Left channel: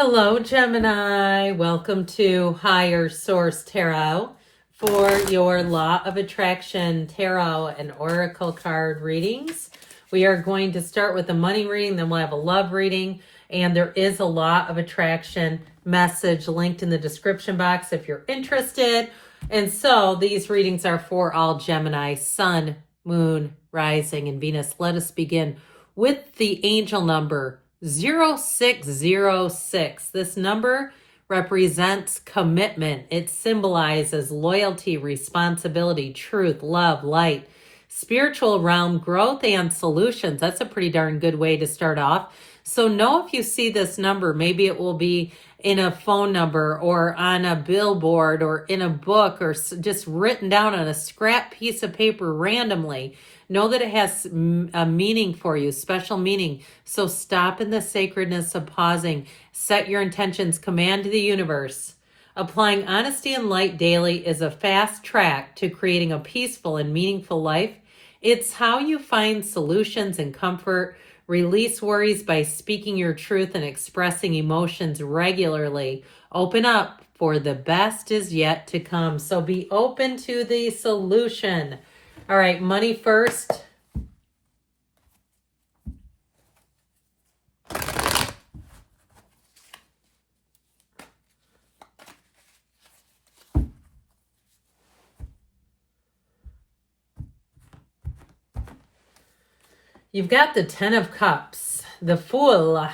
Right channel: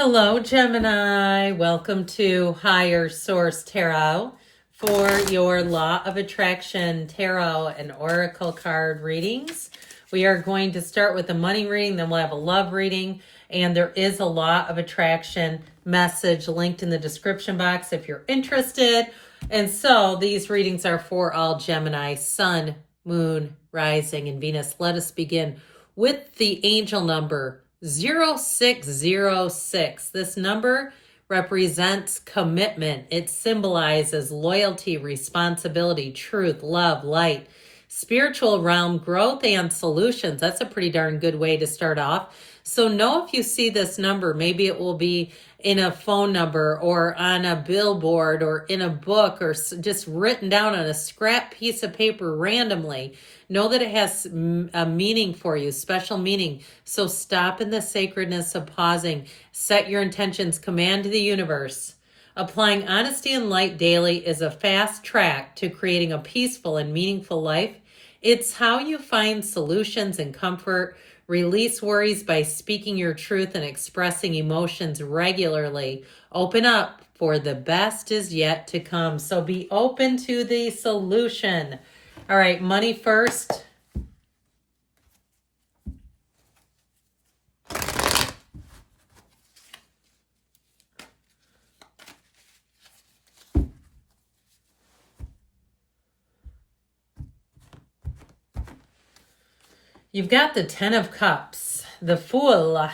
Hello, Gemini. Welcome to Higher Source Tarot for your Law of Attraction Tarot and Oracle card readings. We are going to start with a money reading, then we'll have a love reading, and there is a Law of Attraction message linked in the description box if you're interested. And so these readings are for all Gemini, Sun, Moon, Rising, and Venus. Let us begin with the angel number 0606. This number represents commitment. It symbolizes loyalty, responsibility, truth, love, light, spiritual realm, growth, and solutions. That's a pretty darn good way to start off. So know if you see this number, maybe it will be in a phone number or on a billboard or in a book or just written down on a scrap piece of paper randomly. Know that it has a meaning for you, special meaning. So stop in the sacredness of pausing. Set your intentions, command to the universe. Applying honesty and light daily is a fast track to creating a peaceful and meaningful life. It's how you find solutions and comfort. Release worries by speaking your truth and expressing emotions regularly. Open up, for the best is yet to come. So be open to the solution. All right, money first. You've got the Ten of Cups, the Fool,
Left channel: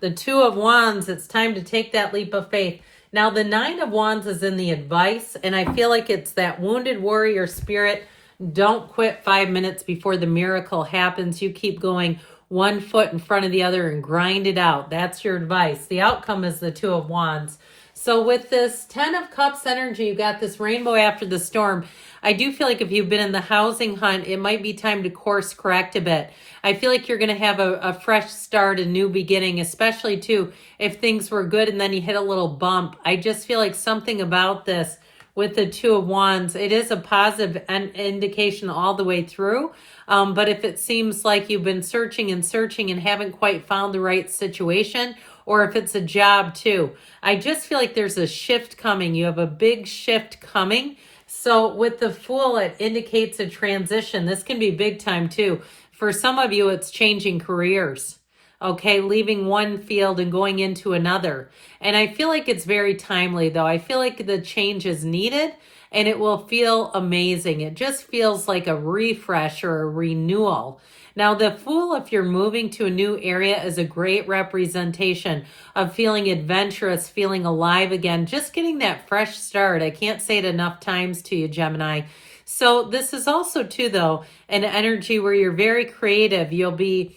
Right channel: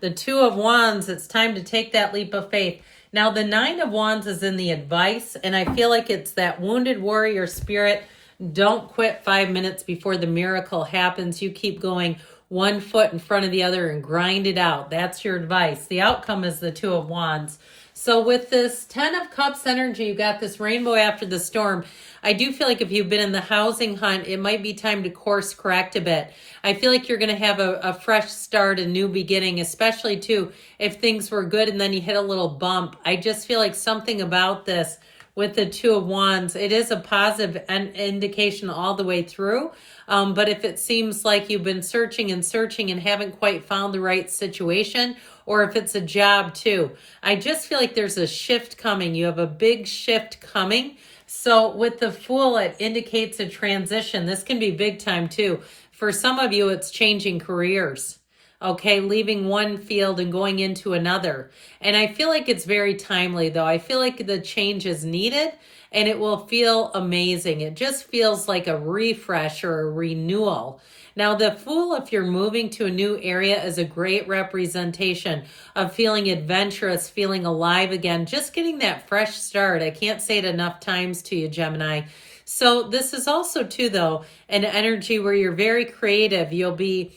the Two of Wands. It's time to take that leap of faith. Now, the Nine of Wands is in the advice, and I feel like it's that wounded warrior spirit. Don't quit 5 minutes before the miracle happens. You keep going one foot in front of the other and grind it out. That's your advice. The outcome is the Two of Wands. So with this Ten of Cups energy, you got this rainbow after the storm. I do feel like if you've been in the housing hunt, it might be time to course correct a bit. I feel like you're going to have a fresh start, a new beginning, especially too if things were good and then you hit a little bump. I just feel like something about this with the Two of Wands, it is a positive indication all the way through. But if it seems like you've been searching and haven't quite found the right situation, or if it's a job too, I just feel like there's a shift coming. You have a big shift coming. So with the Fool, it indicates a transition. This can be big time too. For some of you, it's changing careers. Okay, leaving one field and going into another. And I feel like it's very timely though. I feel like the change is needed and it will feel amazing. It just feels like a refresh or a renewal. Now, the Fool, if you're moving to a new area, is a great representation of feeling adventurous, feeling alive again, just getting that fresh start. I can't say it enough times to you, Gemini. So this is also, too, though, an energy where you're very creative. You'll be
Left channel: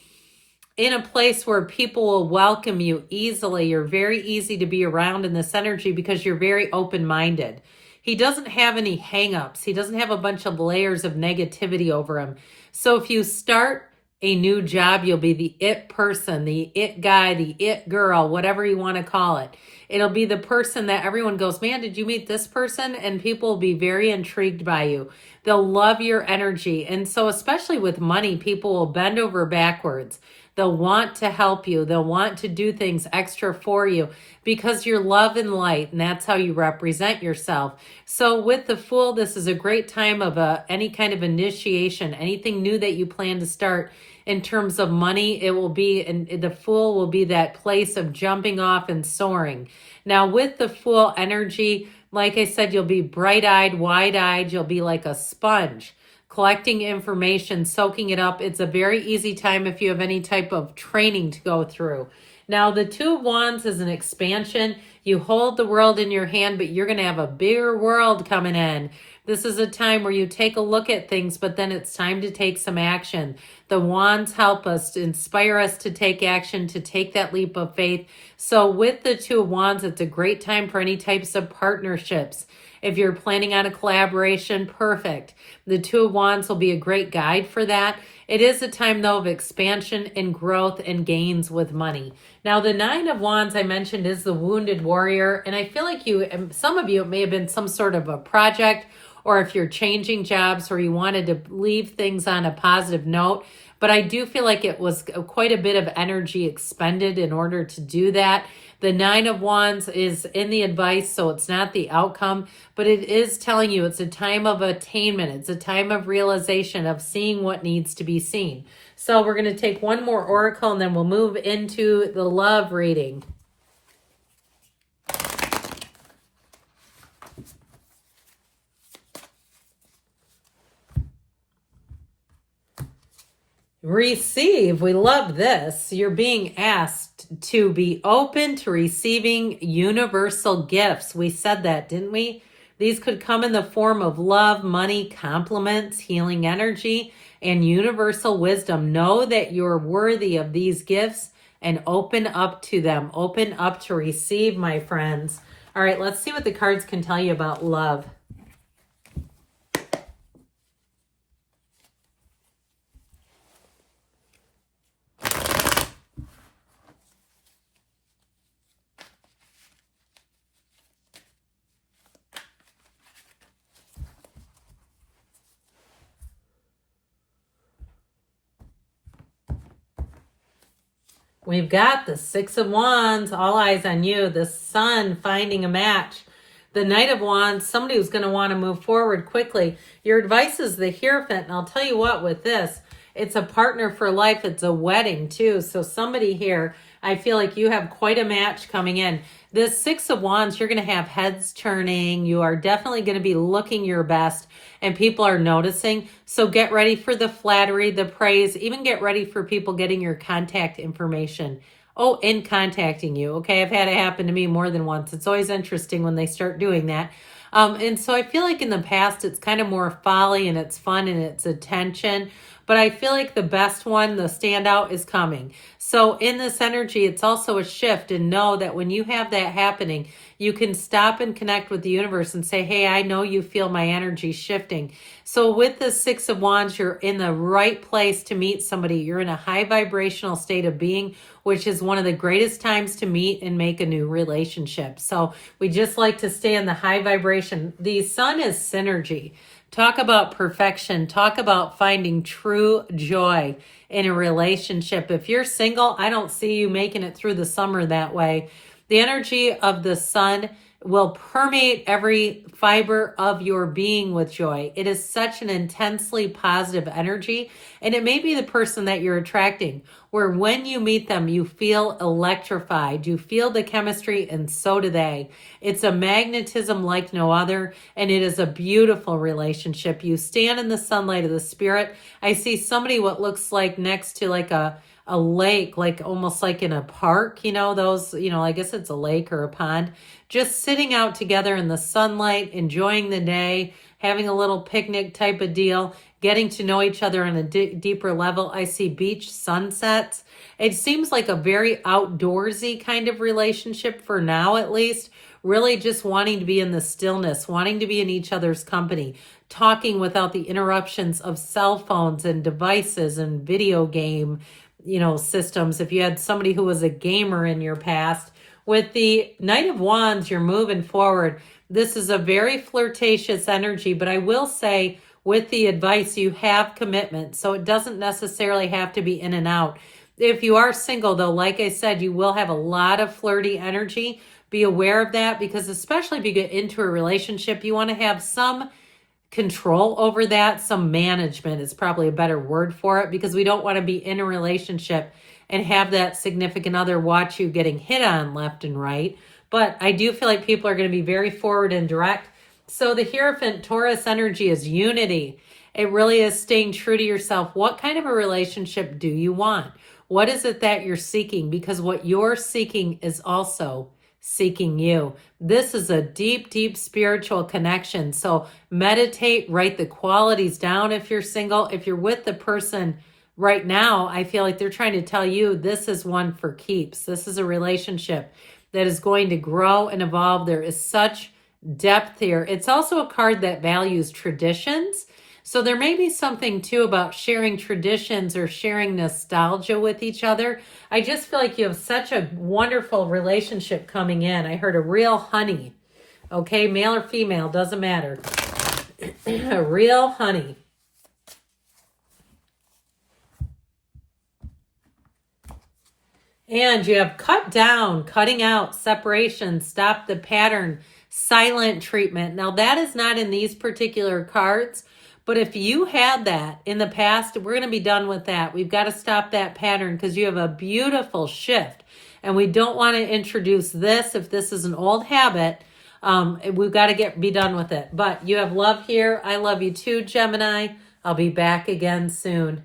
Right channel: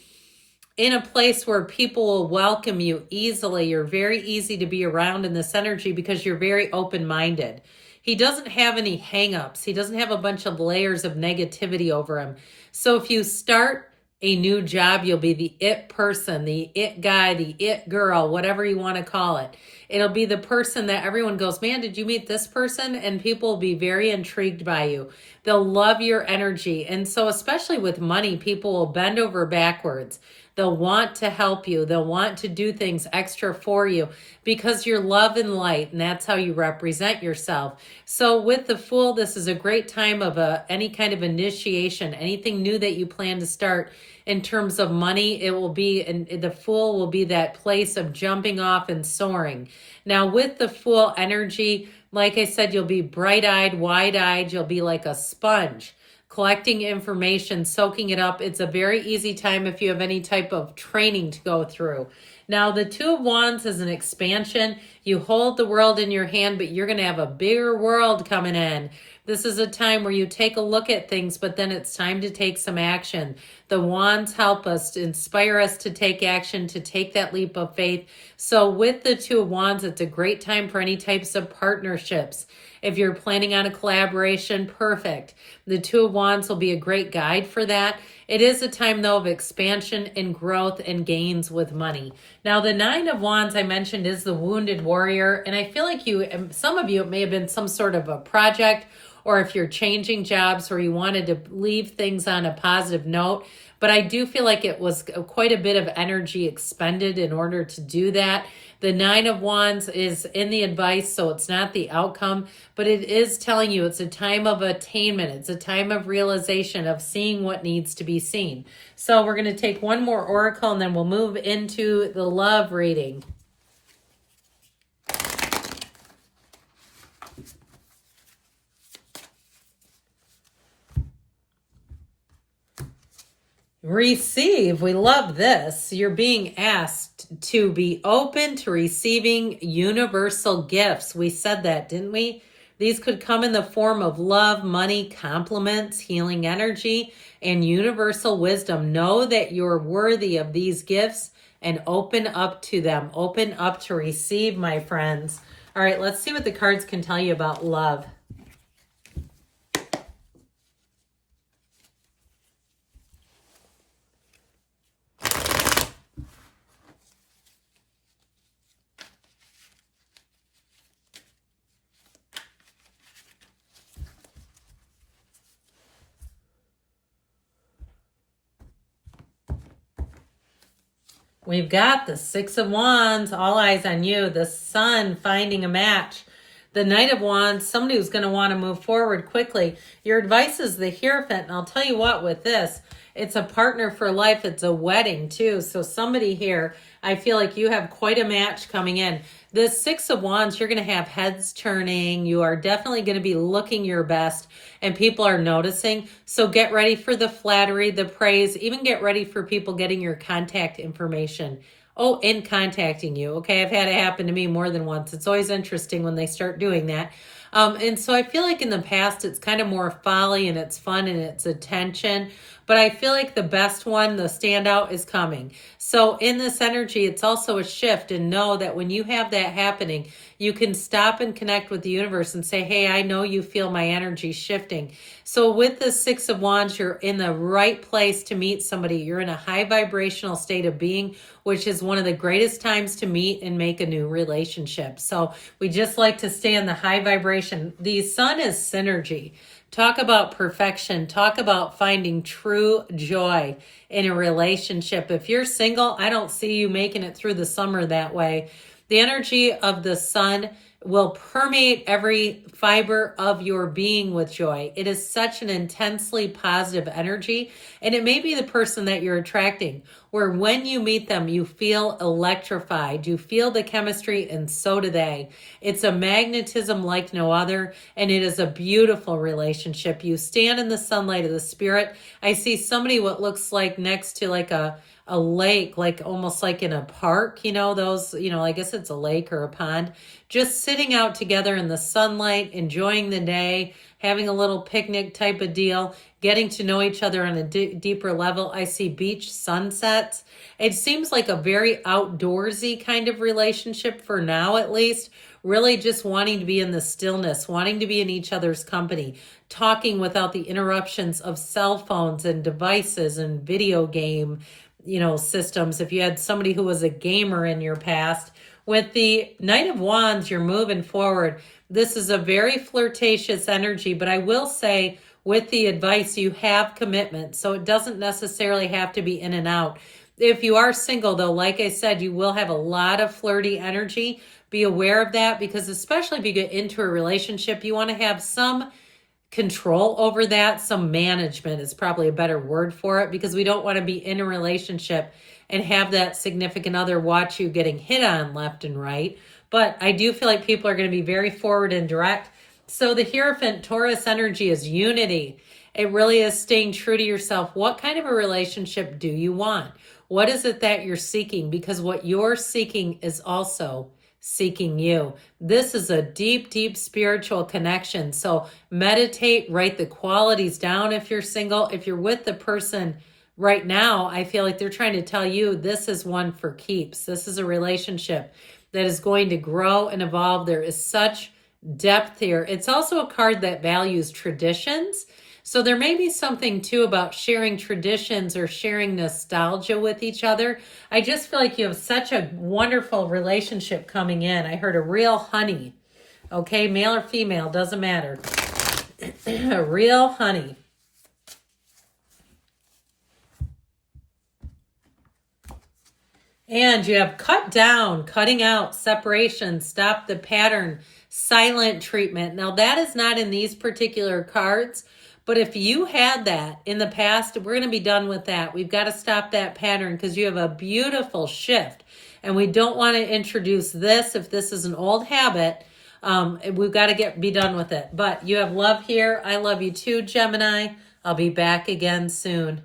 in a place where people will welcome you easily. You're very easy to be around in this energy because you're very open-minded. He doesn't have any hang-ups. He doesn't have a bunch of layers of negativity over him. So if you start a new job, you'll be the it person, the it guy, the it girl, whatever you want to call it. It'll be the person that everyone goes, man, did you meet this person? And people will be very intrigued by you. They'll love your energy. And so especially with money, people will bend over backwards. They'll want to help you. They'll want to do things extra for you because you're love and light, and that's how you represent yourself. So with the Fool, this is a great time of any kind of initiation, anything new that you plan to start. In terms of money, it will be, and the Fool will be that place of jumping off and soaring. Now with the Fool energy, like I said, you'll be bright-eyed, wide-eyed. You'll be like a sponge, collecting information, soaking it up. It's a very easy time if you have any type of training to go through. Now, the Two of Wands is an expansion. You hold the world in your hand, but you're going to have a bigger world coming in. This is a time where you take a look at things, but then it's time to take some action. The Wands help us, to inspire us to take action, to take that leap of faith. So with the Two of Wands, it's a great time for any types of partnerships. If you're planning on a collaboration, perfect. The Two of Wands will be a great guide for that. It is a time, though, of expansion and growth and gains with money. Now, the Nine of Wands I mentioned is the wounded warrior. And I feel like some of you, it may have been some sort of a project, or if you're changing jobs or you wanted to leave things on a positive note. but I do feel like it was quite a bit of energy expended in order to do that. The Nine of Wands is in the advice, so it's not the outcome, but it is telling you it's a time of attainment. It's a time of realization, of seeing what needs to be seen. So we're going to take one more oracle and then we'll move into the love reading. Receive. We love this. You're being asked to be open to receiving universal gifts. We said that, didn't we? These could come in the form of love, money, compliments, healing energy, and universal wisdom. Know that you're worthy of these gifts and open up to them. Open up to receive, my friends. All right, let's see what the cards can tell you about love. We've got the Six of Wands, all eyes on you, the Sun finding a match, the Knight of Wands, somebody who's going to want to move forward quickly. Your advice is the Hierophant, and I'll tell you what, with this, it's a partner for life. It's a wedding too. So somebody here, I feel like you have quite a match coming in. This Six of Wands, you're going to have heads turning. You are definitely going to be looking your best, and people are noticing. So get ready for the flattery, the praise, even get ready for people getting your contact information. Oh, in contacting you. Okay, I've had it happen to me more than once. It's always interesting when they start doing that. And so I feel like in the past, it's kind of more folly and it's fun and it's attention. But I feel like the best one, the standout, is coming. So in this energy, it's also a shift. And know that when you have that happening, you can stop and connect with the universe and say, hey, I know you feel my energy shifting. So with the Six of Wands, you're in the right place to meet somebody. You're in a high vibrational state of being, which is one of the greatest times to meet and make a new relationship. So we just like to stay in the high vibration. The Sun is synergy. Talk about perfection. Talk about finding true joy in a relationship. If you're single, I don't see you making it through the summer that way. The energy of the Sun will permeate every fiber of your being with joy. It is such an intensely positive energy, and it may be the person that you're attracting, where when you meet them, you feel electrified. You feel the chemistry, and so do they. It's a magnetism like no other, and it is a beautiful relationship. You stand in the sunlight of the spirit. I see somebody what looks like next to like a lake, like almost like in a park, those, I guess it's a lake or a pond, just sitting out together in the sunlight, enjoying the day, having a little picnic type of deal, getting to know each other on a deeper level. I see beach sunsets. It seems like a very outdoorsy kind of relationship for now, at least. Really just wanting to be in the stillness, wanting to be in each other's company, talking without the interruptions of cell phones and devices and video game systems. If you had somebody who was a gamer in your past. With the Knight of Wands, you're moving forward. This is a very flirtatious energy, but I will say with the advice, you have commitment. So it doesn't necessarily have to be in and out. If you are single though, like I said, you will have a lot of flirty energy. Be aware of that, because especially if you get into a relationship, you want to have some control over that. Some management is probably a better word for it, because we don't want to be in a relationship and have that significant other watch you getting hit on left and right. But I do feel like people are going to be very forward and direct. So the Hierophant Taurus energy is unity. It really is staying true to yourself. What kind of a relationship do you want? What is it that you're seeking? Because what you're seeking is also seeking you. This is a deep, deep spiritual connection. So meditate, write the qualities down if you're single. If you're with the person right now, I feel like they're trying to tell you this is one for keeps. This is a relationship that is going to grow and evolve. There is such depth here. It's also a card that values traditions. So there may be something too about sharing traditions or sharing nostalgia with each other. I just feel like you have such a wonderful relationship coming in. I heard a real honey. Okay, male or female, doesn't matter. A real honey. And you have cut down, cutting out, separation, stop the pattern, silent treatment. Now that is not in these particular cards, but if you had that in the past, we're going to be done with that. We've got to stop that pattern because you have a beautiful shift. And we don't want to introduce this if this is an old habit. We've got to be done with it. But you have love here. I love you too, Gemini. I'll be back again soon.